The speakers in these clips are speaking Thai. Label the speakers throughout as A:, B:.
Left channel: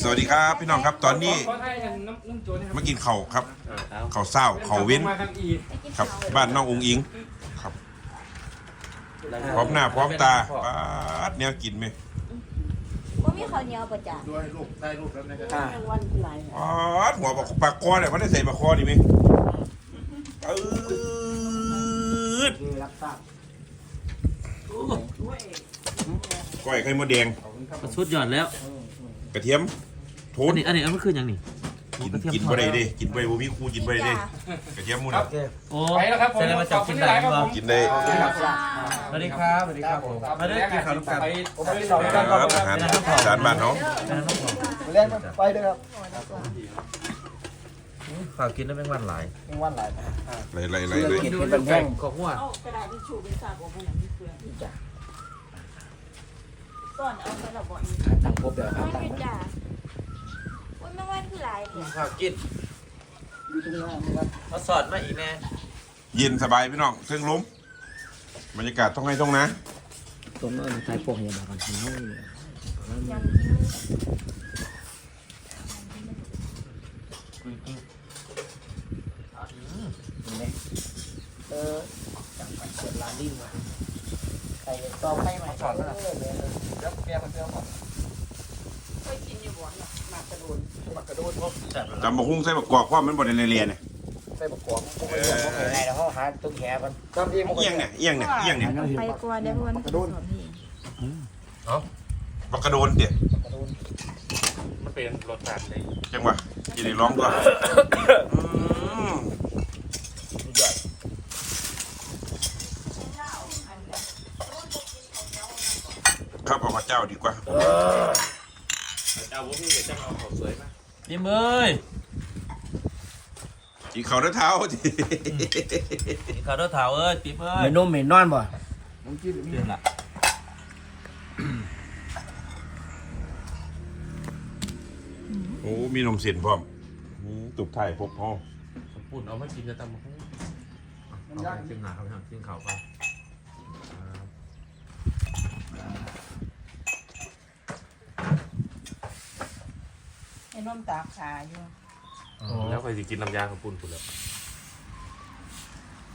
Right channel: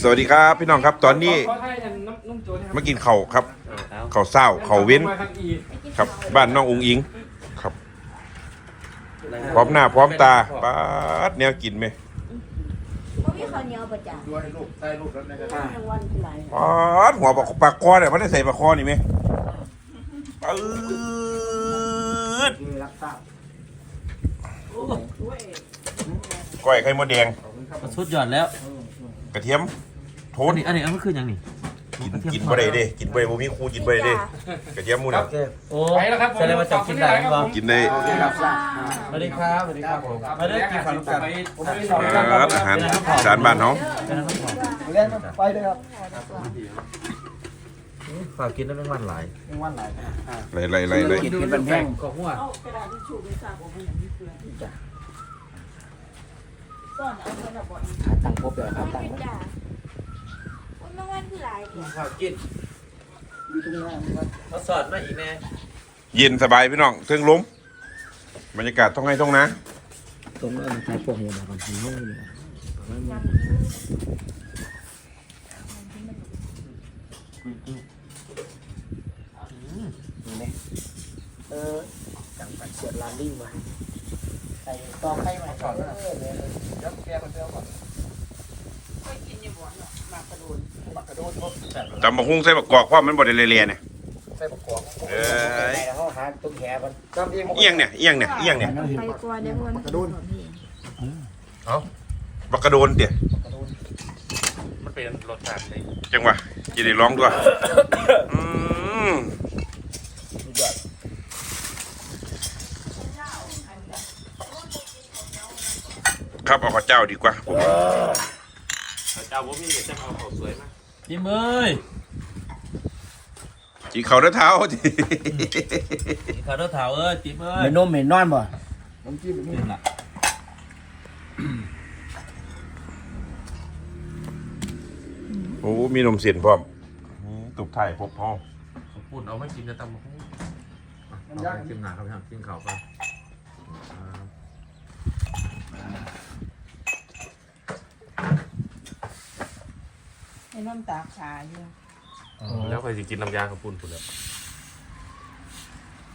A: สวัสดีครับพี่น้องครับตอนนี้
B: ขอให้กันน้ำนุ่มโจนะครับ
A: มากินข้าวครับข้าวเศร้าข้าวเว้น
B: มาทางอี
A: ครับ บ้านน้องอุงอิงครับ พร้อมหน้าพร้อมตาป๊าดแนวกินไหม
C: บ่มีข้าวเหนียวประจำ
D: ด้วยลูกได้ลูกแล้วนะครับ
C: รางวัลคือหลาย
A: ป๊าดหัวปลาปลาคอเนี่ยมันได้ใส่ปลาคอนี่ไหมปื๊ด
D: นี่รับทราบ
A: ก้อยไข่มดแดง
E: สุดยอดแล้ว
A: กระเทียมโท
E: อั
A: น
E: นนี้อันนี้อันนี้คืออย่างนี้
A: กินกินบ่ได้เด้กินบ่ได้บ่มีครูกินบ่ได้เด้กระเทียมหมูน่ะ
E: โอ้
B: ไปแล้วครับผม
E: แสดงว่าจะกินได้ไหมบ้าง
A: กินได้
E: สวัสดีครับสวัสดีครับผมมาเด้อกินข้าวลูกกัน
B: ไป
D: ผมไม่ได้สอน
A: ค
D: กันค
A: รั
D: รั
A: บบอาหารอีสานบ้านเนาะ
D: เลี้ยงไปด้วยครับ
E: ฝากกินได้ไม่วันหลาย
D: มีวันไหน
A: ไล่ไล่ไล่ไล่
D: กินเป็นแห้ง
E: ก็หัว
C: เอากระดาษทิชชู่ไปสาบออกมาอย่างนี้เพื่อนจ้ะซ่อนเอาไปละบ่อน
D: ตั้งครบเลยครับตั้ง
C: ไม่จ้ะวันรางวัลคือหลายเนี่ย
E: ฝากกิน
D: อยู่ตรงนี้นะครับ
E: มาสอดมาอีกแม่
A: เย็นสบายพี่น้องเครื่องล้มบรรยากาศท้องไห้ท้องนะ
D: ตรงนั้นใช้พวกนี้มาก่อนทีนี้
C: ยำกิน
D: ตรงนี้เออจังหวัดเชียงรายลิ่งว่ะใส่ต่อไปใหม่ก่อนนะเออเลยรับเปรี้ยวเปรี้ยว
A: ตำบักหุ่งใส่บักกอกความมันบ่ได้เลียๆเนี่ย
D: ใส่บะกอกใส่แล้วเขาหาตุ้งแหมันจำเอง
A: เอียงเนี่ยเอียงเนี่ยเอียงเนี่ย
C: ไปกว่าได้เพื่อนกระโดน
A: บักกระโดนเดี๋ย
D: กระโดด
E: มันเป็นรสชาติเลย
A: จังหวะกินได้ร้องด้วยอืม
D: สุดยอด
A: ครับเอาข้าวเจ้าดีกว่า
E: ยิ้ม เอ้ย
A: กินข้าวด้วยเท้าที
E: กินข้าวเด้อเถาเอ้ยติ๊มเอ้ย
D: ไม่นุ่มไม่นอนบ่น้ำจิ้ม
E: กินละ
A: โอ้มีนมเสียนพร้อมอืมตุกไทยพกพ่อ
E: ปุ่นเอาไม่กินจะตำมาให้กินหนาครับกินข้าวไป
C: ใน้ำตาขาอยู่
E: แล้วเคยกินน้ำยาของปุ่นปุ่นแล้ว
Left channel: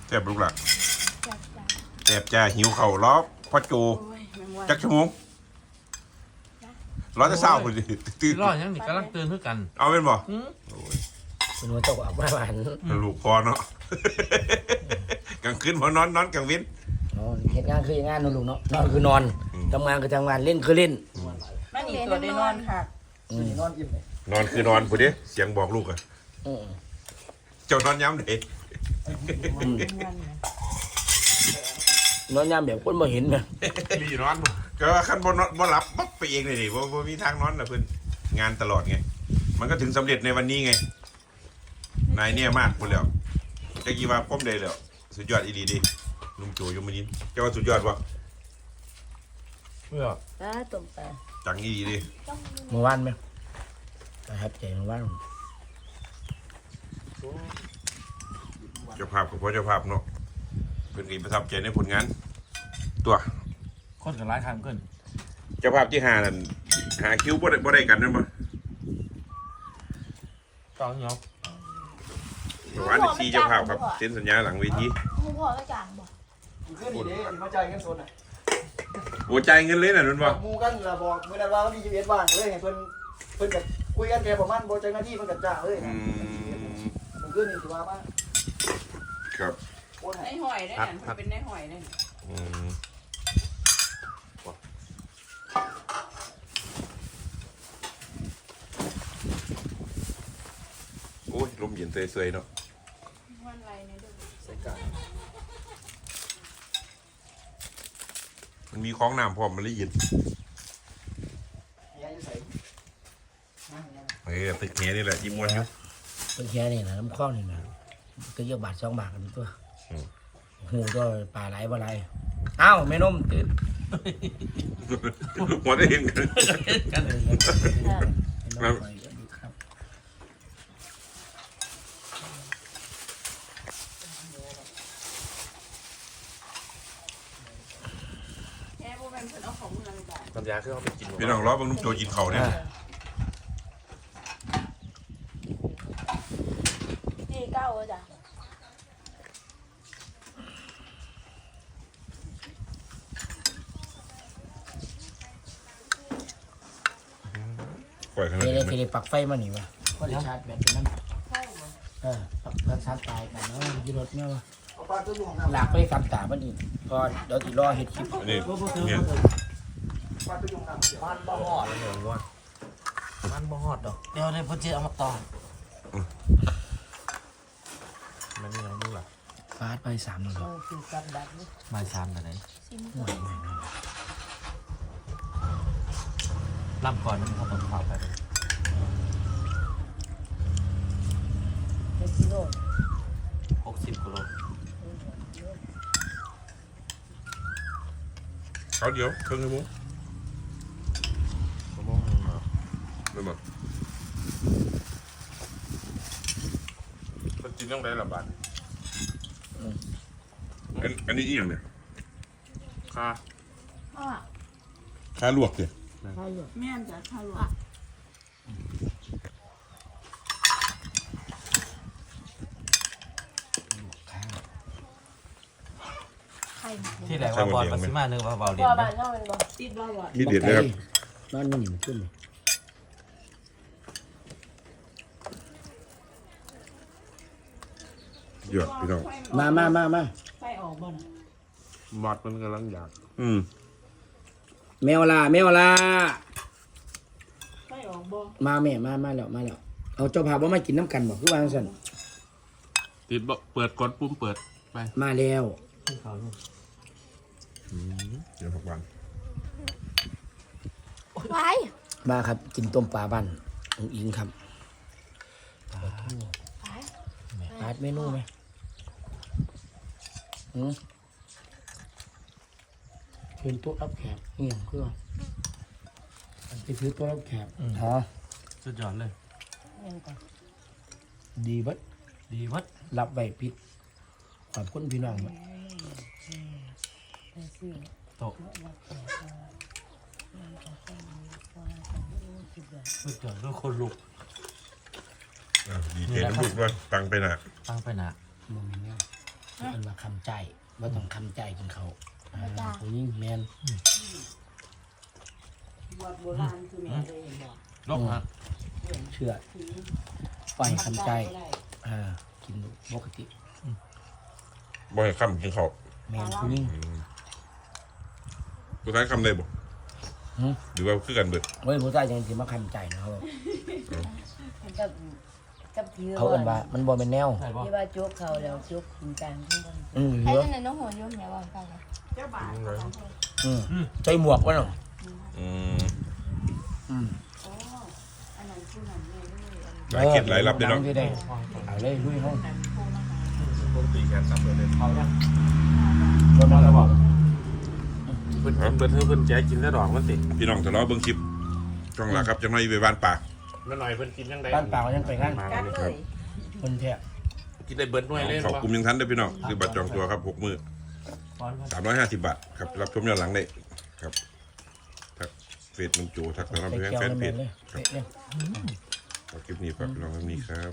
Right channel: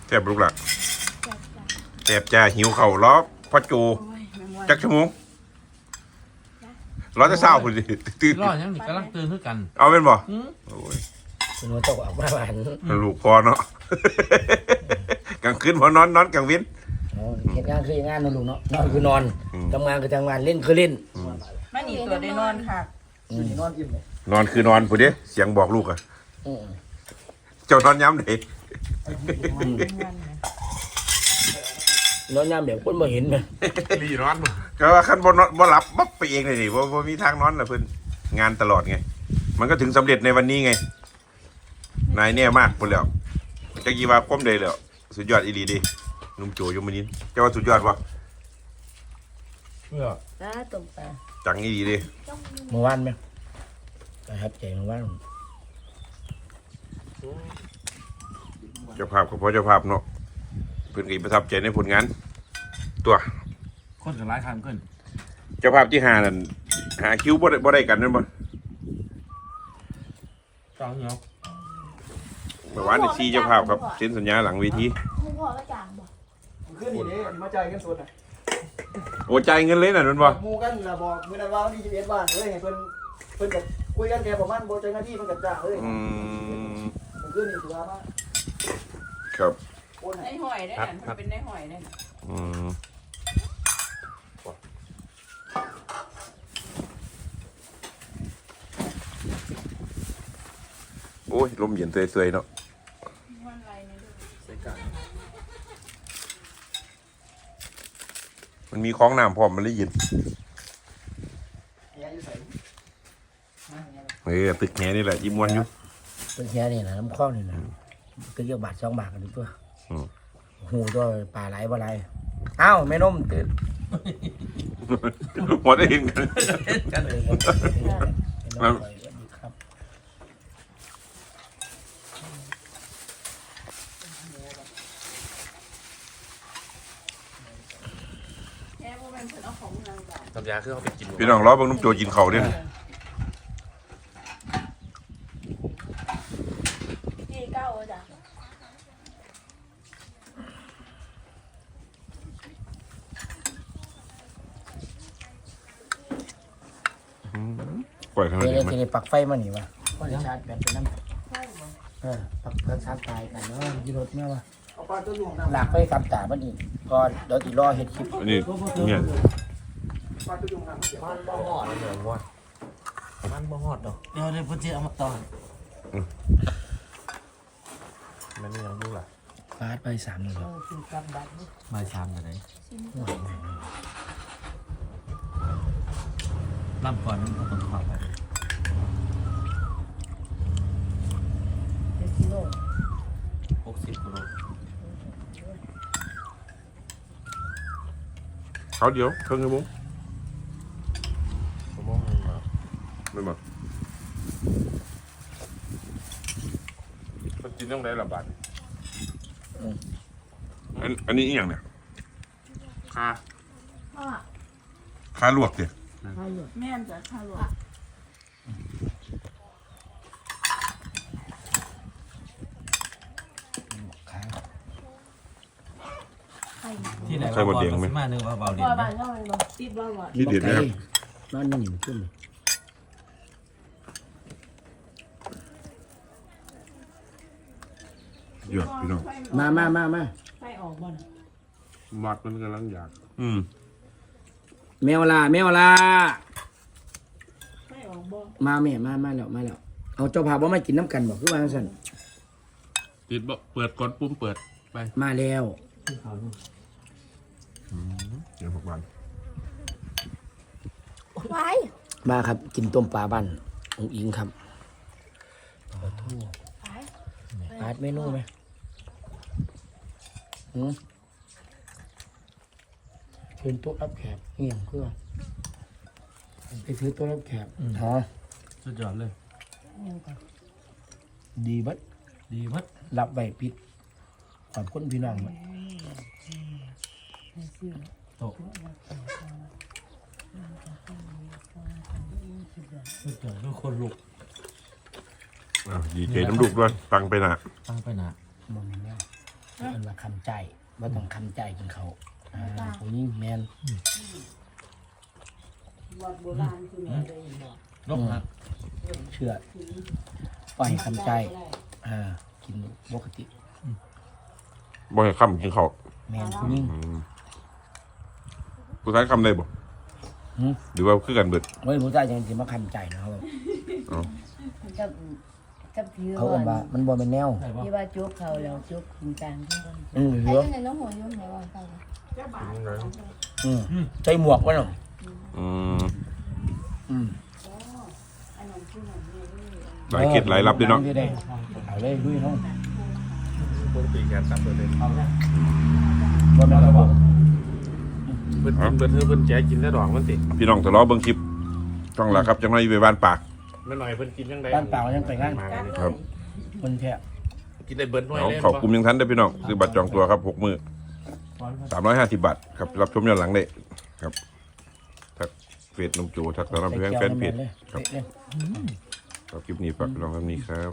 A: แซ่บลูกหลัก
C: จัดจ้ะ
A: แซ่บจ้าหิวเข่าวล้อพ่อจู
C: โอ้ยแม่งวัน
A: จักชั่วโมงร้อยจะเศร้าคุณดิตื่น
E: รอดยังมีกำลังตื่นขึ้นกัน
A: เอาเป็นบ่
E: อืม
A: โอ้ย
D: เป็นหัวตกออกมาหวาน
A: ลูกพอเนาะกลางคืนพอนอนนอนกลางวิน
D: เหตุงานคือเหตุงานนอนลุงเนาะนอนคือนอน
A: อืม
D: ทำงานคือทำงานเล่นคือเล่น
C: นั่นอีกตัวได้นอนค่ะ
D: นอนยิ้มเลย
A: นอนคือนอนผู้เดียเสียงบอกลูกอะ
D: อืม
A: เจ้านอนย้ำเด็ก
D: นอนยามแบบคนบ่เห็นนะ
E: ดีร้อน
A: ก็ว่าขั้นบนบ่หลับบับไปเองเลยดิว่าว่ามีทางนอนนะเพื่อนงานตลอดไง มันก็ถึงสำเร็จในวันนี้ไง นายเนี่ยมากคนแล้วจะกี่ว่าก้มเลยแล้วสุดยอดอีดีดินุ่มโจยมนินเจ้าว่าสุดยอดวะ
E: เพื่อ
C: จ้าตบตา
A: จังอีดีดิ
D: เมื่อวานไหม ประทับใจเมื่อวาน
A: เจ้าภาพกับพ่อเจ้าภาพเนาะเพื่อนก็ประทับใจในผลงาน ตัว
E: คนจะร้ายทางขึ้น
A: เจ้าภาพที่หานั่นหาคิวบ่ได้บ่ได้กันนั่นบ่
E: ต้องเนาะ
A: เมื่อวานนี่ซีเจ้าภาพครับเซ็นสัญญาหลังเวที
C: มึงพ่อก็จางบ่
D: ขึ้นนี่เด้มาจ่ายกันสดอะ
A: โอ้ใจายเงินเลยน่ะนั่นบ่
D: มูกันละบอกมื้อนั้นว่าวันที่21บ้านเลยให้เพิ่นเพิ่นก็ คุยกันแค่ประมาณบ่จังนาทีมันก็จ้างเลย
A: อื
D: นะ
A: ม
D: มันขึ้นนี่ถือว่ามา
A: ครับ
D: โอน
C: ใน
D: ให้
C: หอยได้นั่นมันเป็นในหอยได้นั่น
A: อืมโอ้ยลมเย็นเสยๆเนาะ
C: วันไรเนี่ยดู
E: ใส่กา
A: มันมีของน้ำพร้อมมันเลยเย็น
D: แหอยู่ใส่
A: เฮ้ยตึกแหนี่แหละที่ม้วนอยู่
D: เพิ่นแค่นี่นะน้ำข้อนี่นะก็เยอะบาท2บาทกันตัว
A: อืม
D: หูก็ปลาไหลบ่ไหลอ้าวแม่นมตื่น
A: หัวได้เห็นกัน
E: กันเลย
A: ครับ
C: แค่พวกมันเพิ่นเอาของเมืองบ้าน
E: น้ำยาคือเขาไปกิน
A: พี่น้องล้อเบังนุ่มโจกินเขาวเนี่ย
B: จ้ะ
A: ปล่อยเท่า
D: เดี๋
A: นั้
D: ยวนเดี๋ยว
A: ไหม
D: จะได้ปักไฟมานี่วะพอได้ชาร์จแบตเป็นน้ำ
B: ใช่บ่
D: เออปักเพื่อชาร์จตายกันเนาะอยูรถแม่วะ
C: เอาปลาตัวลุงท
D: หลักไปกับตามันอีกก่อนเดี๋ยวอีรอเฮ็ดคลิป
A: อันนี้เนี่ยำ
C: ปลาตัวลุงทำ
E: มันบ่ฮอดเลยเดี๋ยววอดมันบ่ฮอดดอกเดี๋ยวเดี๋ยวพ่อเจ๊เอามาต่อมันนี่ยังดูอะ
D: ฟาดไปสามหนึ่งแล้ว
C: กินกับดักนี่
E: มาซ้ำกันไหน
D: ห่วยแม่ง
E: ล่ำก่อนมันเขาต้องถอดไป
C: เจ็ดกิโล
E: หกสิบกิโล
A: เขาเดี๋ยวเครื่องไงมุ้ง
E: ชั่วโมงนึงเหรอ
A: ไม่มามันกินเรื่องไหนละบาทอันอันนี้อีหยังเนี่ยคา
B: อะ
A: คาลวกเนี่ย
C: แม่นจ้ะข้าวหลวง
D: ข้าว
B: ไข่
E: ที่ไหนว่าบอลมาซิมานึกว่าบอลเรียน
B: ว่า
E: ไหม
B: บ้านเราเลยบ่
C: ติดบ่หวาน
A: มีเด็ดนะครับ
D: บ้านมันหนิมขึ้นเลย
A: หยอดพี่น้อง
D: มามามามา
C: ไฟออกบ่น่ะ
A: มัดมันกำลังอยาก อืม
D: แมวลาแมวลา
C: ไฟออกบ่
D: มาแม่มามาแล้วมาแล้วเอาเจ้าภาพว่ามากินน้ำกันบอกคือว่าจังซั่น
A: ติดบ่เปิดกดปุ่มเปิดไป
D: มาแล้ว
A: เดี๋ยวหกวัน
B: ไป
D: มาครับ กินต้มปลาบ้านองอิงครับ
B: ไป
D: อาร์ตเมนูไหมหืม เชิญโต๊ะรับแขกนี่อย่างเพื่อไปซื้อโต๊ะรับแขกอ๋อ
E: สุดยอดเลย
D: ดีบัด
E: ดีมัด
D: รับไว้ปิดขอบคุณพี่น้องบัด
E: โตะสุดยอดด้วยคนลุก
A: อะดีเจน้ำลูกด้วยตังไปน่ะ
E: ตั้งไปหนา
D: บ่แม่นแล้วมันว่าคำใจว่าต้องคำใจกินเขาว อ่าผู้หญิงแมน
C: วัดโบราณคือแม่ได้บ่
E: ลบฮะ
D: เชื่อปล่อยคำใจ อ่า กินปกติ
A: บ่ให้คำกินข้าว
D: แมนผู้หญิง
A: ผู้ชายคำได้บ่
D: หืม
A: หรือว่าคือกันเบิด
D: เว้ยผู้ชายยังสิมาคำใจนะครับ
F: กับกับที่
D: เขาเอิ้นว่ามันบ่เป็นแนว
E: ใช่ป่ะ
F: ที่ว่าจุกเขาแล้วจุกคุณการทั้งคน
D: อืมเห
B: ไอ้
D: ลือ
B: นั่นน่ะน้องหัวยุ่มไหนว่าไปเลย
C: เจ้าบ่าว
D: อืมใจหมวกวะเนาะ
A: อืม
D: อืม
C: อันนั้นคือนั่นแม่ด้วย
A: หลายคิดหลายรับด้วยเนาะ
D: ดังได้เอาเลยลุยเฮา
E: ตีแขนตัดตัวเด็กเขาเนี่ย
D: บ่แม่นระบอก
E: เพิ่นกินเพิ่นเพิ่นแจกินแล้วดอกมันติ
A: พี่น้องทะเลาะเบิ่งคลิปช่องหลักครับจังไรไปบ้านปาก
E: มันหน่อยเพิ่นกินยังไง
D: บ้านปล่ายังไปงาน
C: กันเลย
D: คนแท้
E: กินได้เบิร์ดหน่วย
A: เล
E: ย
A: ขอบคุณยังทันได้พี่น้องคือบัตรจองตัวครับหกมือ สามร้อยห้าสิบบาทครับรับชมย้อนหลังได้ครับทักเฟซน้องโจทักตอนรับ
D: ใส่
A: แฟน
D: แก้ว
A: แฟน
D: น้ำ
A: เพ
D: แม่
A: จ
D: เลยเป๊ะเลย
A: ครับคลิปนี้ฝากพี่น้องเท่านี้ครับ